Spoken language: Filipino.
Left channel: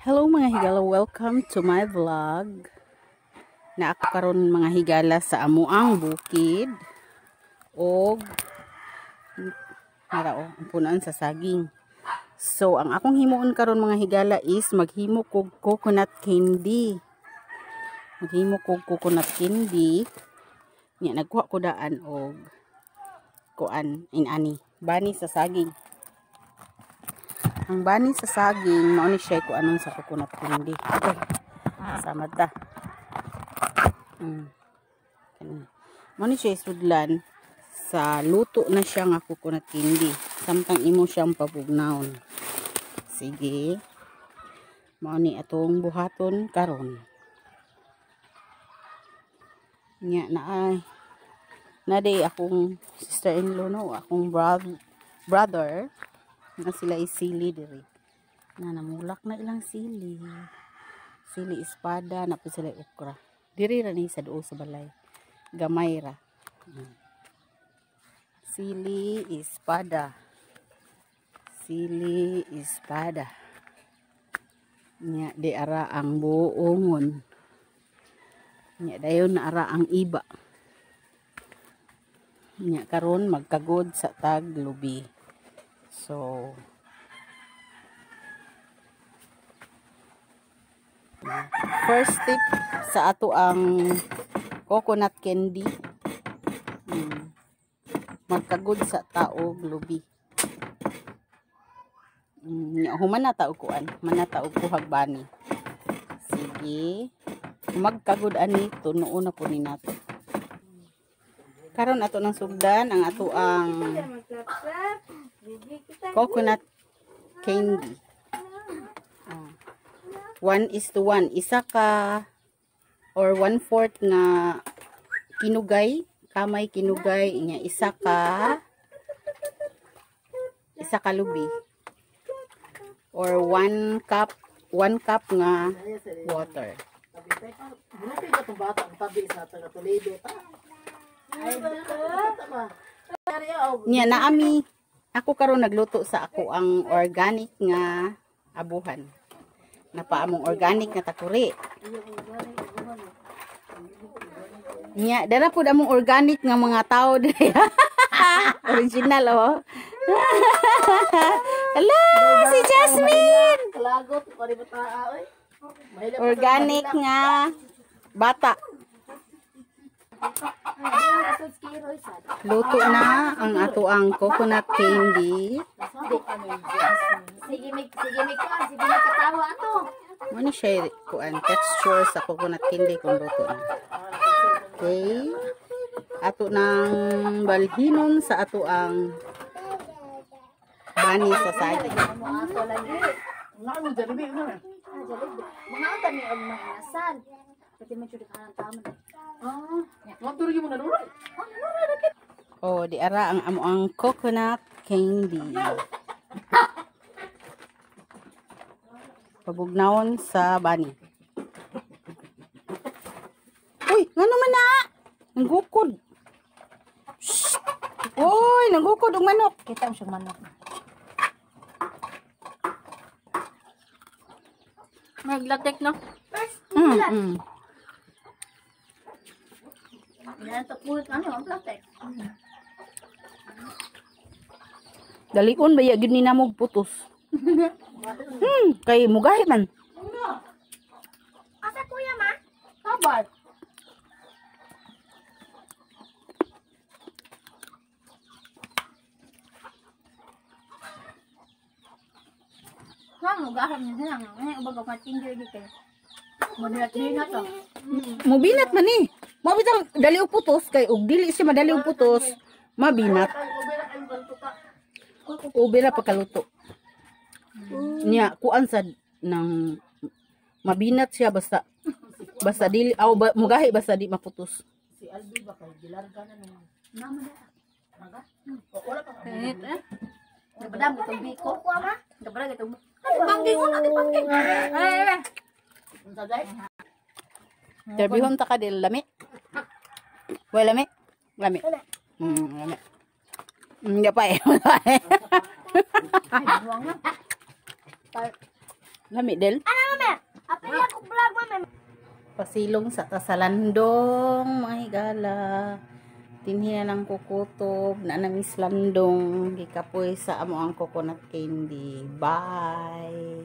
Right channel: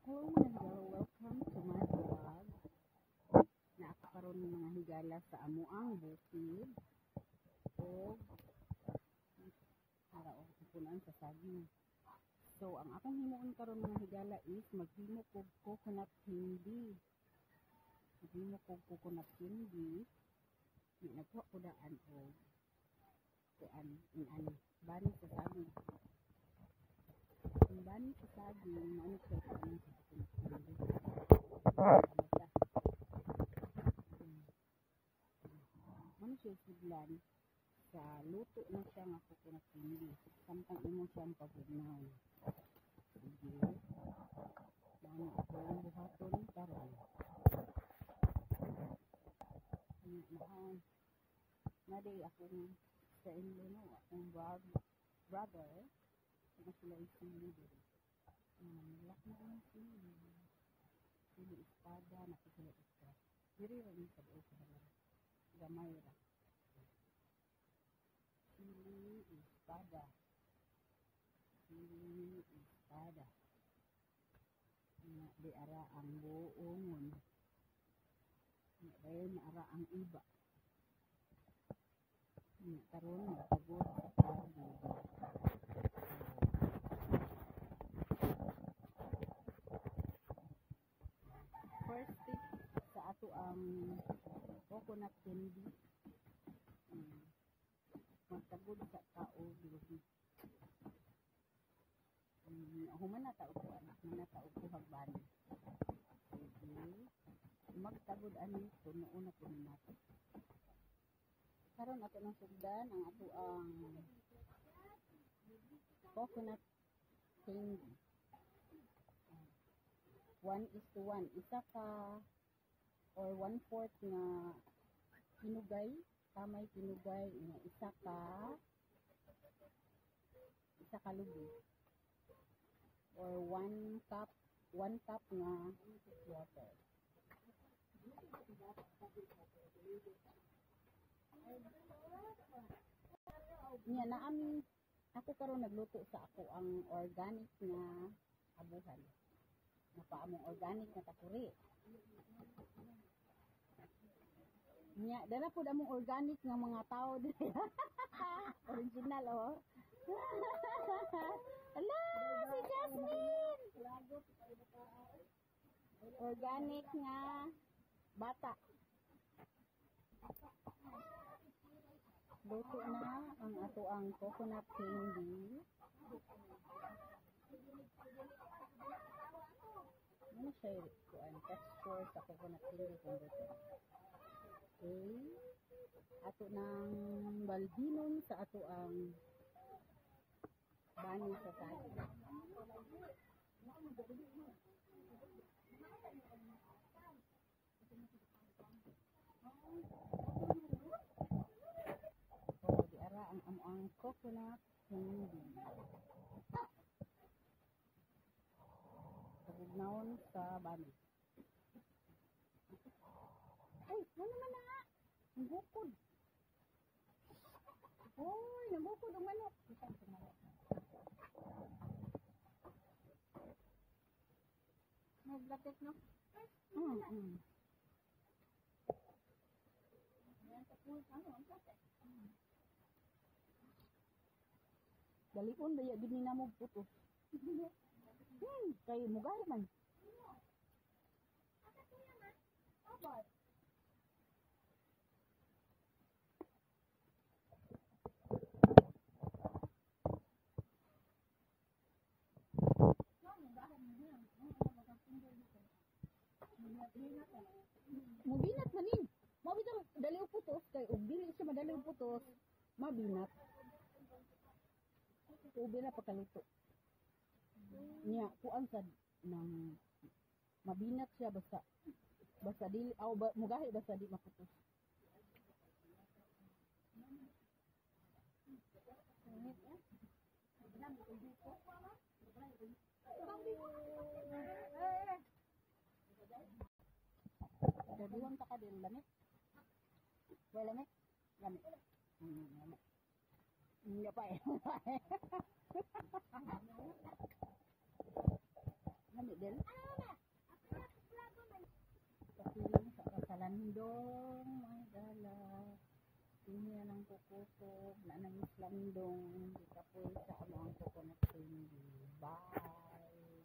Hello mga higala, welcome to my vlog. Na ako karon mga higala sa amuang bukid og narao ang punan sa saging. So ang akong himuon karon mga higala is maghimo kog coconut candy. Maghimo kog coconut candy. Nya nagkuha ko daan og kuan inani bani sa saging. Ang bani sa saging, mao ni siya ko anong sa coconut candy. Okay. Sama ta. Mao ni siya sudlan sa luto na siya nga coconut candy. Samtang imo siyang pabugnaon. Sige. Mao ni atong buhaton karon. Nya na day akong sister-in-law no, akong brother na sila isili diri na namulak na ilang sili espada na po sila okra diri ra ni sa duo sa balay gamay ra sili espada nya di ara ang buongon nya dayon na ara ang iba nya karon magkagod sa tag lubi. So, first tip sa ato ang coconut candy, magkagod sa taog lubi. Human na taog kuan, manataog kuhag bani. Sige, magkagod ani tunuon na po ni nato. Karon ato nang sugdan ang ato ang coconut candy. 1:1. Isa ka or 1/4 nga kinugay, kamay kinugay, inya isa ka lubi. Or 1 cup nga water. Nya naami ako karon nagluto sa ako ang organic nga abuhan. Napaamong organic nga takuri. Nya dara pud among organic nga mga tao diri. Original oh. Hello si Jasmine. Organic nga bata. Luto na ang ato ang coconut candy. Sige katawa ato. Ano siya kuan texture sa coconut candy kung luto na. Okay. Ato nang balhinon sa ato ang bani sa saging. Ato lagi. Mga kami ang mahinasan. Pati man jud kanang tama. Oh, di ara ang amo ang coconut candy. Pabugnawon sa bani. Uy, ngano man na? Nanggukod. Uy, nanggukod og manok. Kita mo siyang manok. Maglatek no? Yan to pulot ang latek. Dalion ba ya gid ni namo putos. Kay mugahi man. Asa kuya ma? Kabar. Mugahan niya lang. Ano ba ka tingger di kay? Moderate na to. Mabinat man ni. Mabitang dali og putos kay og dili siya madali og putos, mabinat. Ube na pagkaluto. Nya kuan sad nang mabinat siya basta dili mugahi basta di maputos. Si Albi ba kay gilarga na nung nama na. Naga? Wala pa. Gabadam itong biko. Ma? Gabadam itong manggingon natin pangking. Unsa day? Terbihon ta ka dil lami. Way lami. Lami. Lami. Hindi pa eh. Lami del. Ano Pasilong sa tasalandong, mga higala. Tinhi na ng kukutob, na namis landong, gikapoy sa amo ang coconut candy. Bye!